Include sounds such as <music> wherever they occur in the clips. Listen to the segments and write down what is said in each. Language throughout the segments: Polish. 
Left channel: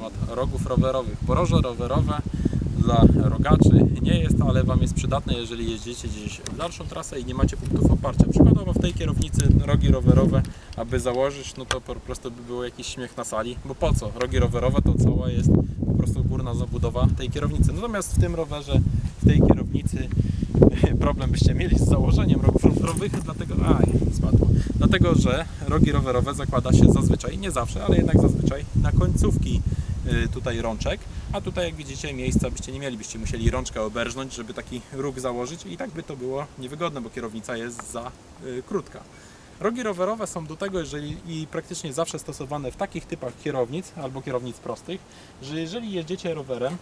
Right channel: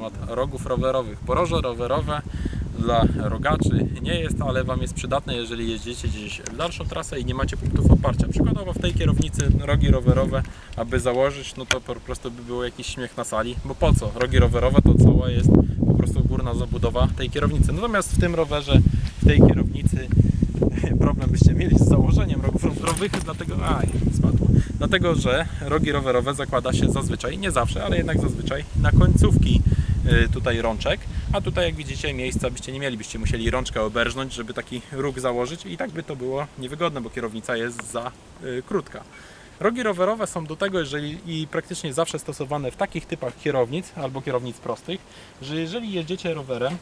temat rogów rowerowych. Poroże rowerowe dla rogaczy nie jest, ale Wam jest przydatne, jeżeli jeździcie gdzieś w dalszą trasę i nie macie punktów oparcia. Przykładowo w tej kierownicy rogi rowerowe, aby założyć, no to po prostu by było jakiś śmiech na sali, bo po co? Rogi rowerowe to cała jest po prostu górna zabudowa tej kierownicy. Natomiast w tym rowerze, w tej kierownicy <laughs> problem byście mieli z założeniem rogów rowerowych, dlatego, aj, spadło. Dlatego, że rogi rowerowe zakłada się zazwyczaj, nie zawsze, ale jednak zazwyczaj na końcówki tutaj rączek, a tutaj jak widzicie miejsca byście nie mieli, byście musieli rączkę oberżnąć, żeby taki róg założyć i tak by to było niewygodne, bo kierownica jest za y, krótka. Rogi rowerowe są do tego, jeżeli i praktycznie zawsze stosowane w takich typach kierownic albo kierownic prostych, że jeżeli jeździcie rowerem,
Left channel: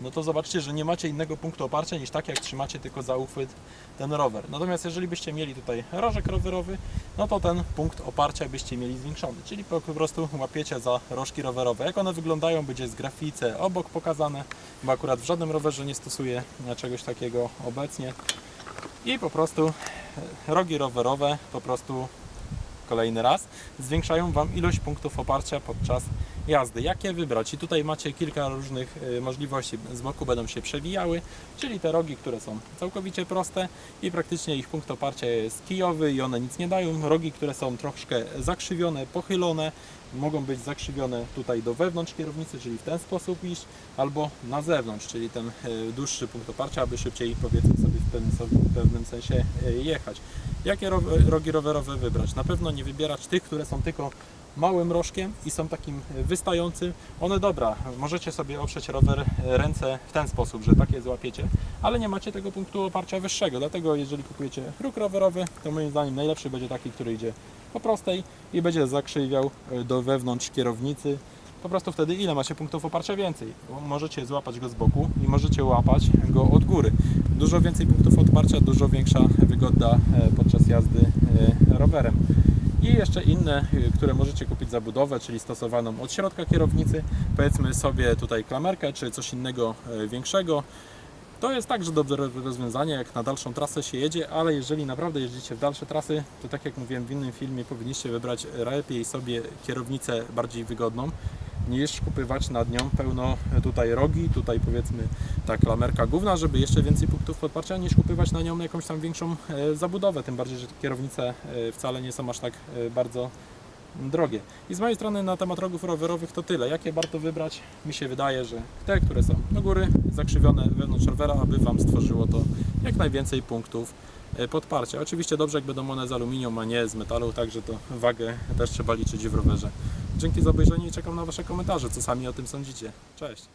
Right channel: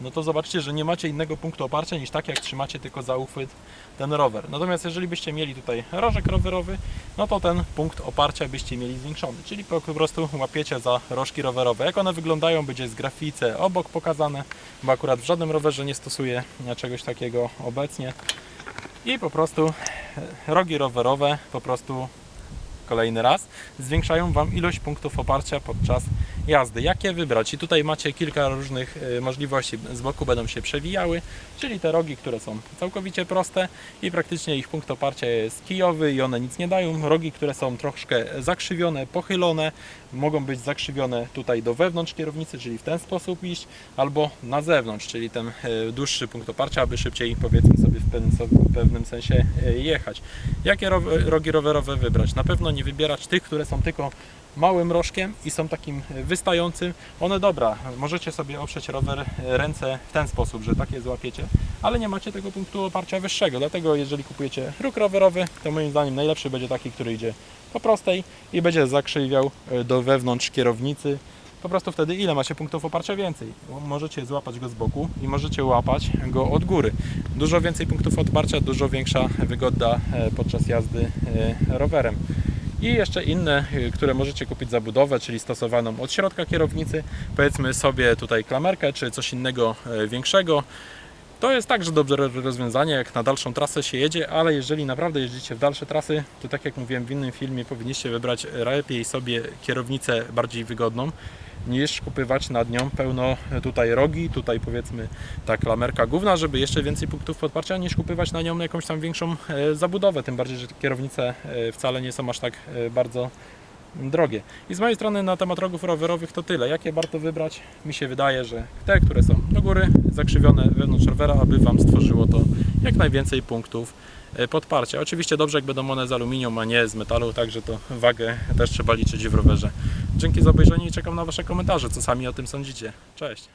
no to zobaczcie, że nie macie innego punktu oparcia niż tak, jak trzymacie tylko za uchwyt ten rower. Natomiast jeżeli byście mieli tutaj rożek rowerowy, no to ten punkt oparcia byście mieli zwiększony, czyli po prostu łapiecie za rożki rowerowe. Jak one wyglądają, będzie z grafice obok pokazane, bo akurat w żadnym rowerze nie stosuję czegoś takiego obecnie. I po prostu e, rogi rowerowe po prostu kolejny raz, zwiększają Wam ilość punktów oparcia podczas jazdy. Jakie wybrać? I tutaj macie kilka różnych e, możliwości. Z boku będą się przewijały, czyli te rogi, które są całkowicie proste i praktycznie ich punkt oparcia jest kijowy i one nic nie dają. Rogi, które są troszkę zakrzywione, pochylone, mogą być zakrzywione tutaj do wewnątrz kierownicy, czyli w ten sposób iść, albo na zewnątrz, czyli ten e, dłuższy punkt oparcia, aby szybciej powiedzmy sobie w pewnym, w pewnym sensie e, jechać. Jakie ro- rogi rowerowe wybrać? Na pewno nie wybierać tych, które są tylko małym rożkiem i są takim wystającym. One dobra, możecie sobie oprzeć rower e, ręce w ten sposób, że takie złapiecie, ale nie macie tego punktu oparcia wyższego. Dlatego jeżeli kupujecie róg rowerowy, to moim zdaniem najlepszy będzie taki, który idzie po prostej i będzie zakrzywiał e, do wewnątrz kierownicy. Po prostu wtedy ile macie punktów oparcia więcej? Możecie złapać go z boku i możecie łapać go od góry. Dużo więcej punktów oparcia, dużo większa wygoda e, podczas jazdy rowerem. I jeszcze inne, y, które możecie kupić za budowę, czyli stosowaną od środka kierownicy, powiedzmy sobie tutaj klamerkę czy coś innego e, większego. To jest także dobre rozwiązanie, jak na dalszą trasę się jedzie, ale jeżeli naprawdę jeździcie w dalsze trasy, to tak jak mówiłem w innym filmie, powinniście wybrać lepiej sobie kierownicę bardziej wygodną, niż kupywać nad nią pełno tutaj rogi, tutaj powiedzmy ta klamerka główna, żeby jeszcze więcej punktów podparcia, niż kupywać na nią jakąś tam większą e, zabudowę, tym bardziej, że kierownice e, wcale nie są aż tak e, bardzo drogie. I z mojej strony na temat rogów rowerowych to tyle. Jakie warto wybrać? Mi się wydaje, że te, które są do góry, zakrzywione wewnątrz rowera, aby Wam stworzyło to jak najwięcej punktów e, podparcia. Oczywiście dobrze, jak będą one z aluminium, a nie z metalu, także to wagę też trzeba liczyć w rowerze. Dzięki za obejrzenie i czekam na Wasze komentarze, co sami o tym sądzicie. Cześć!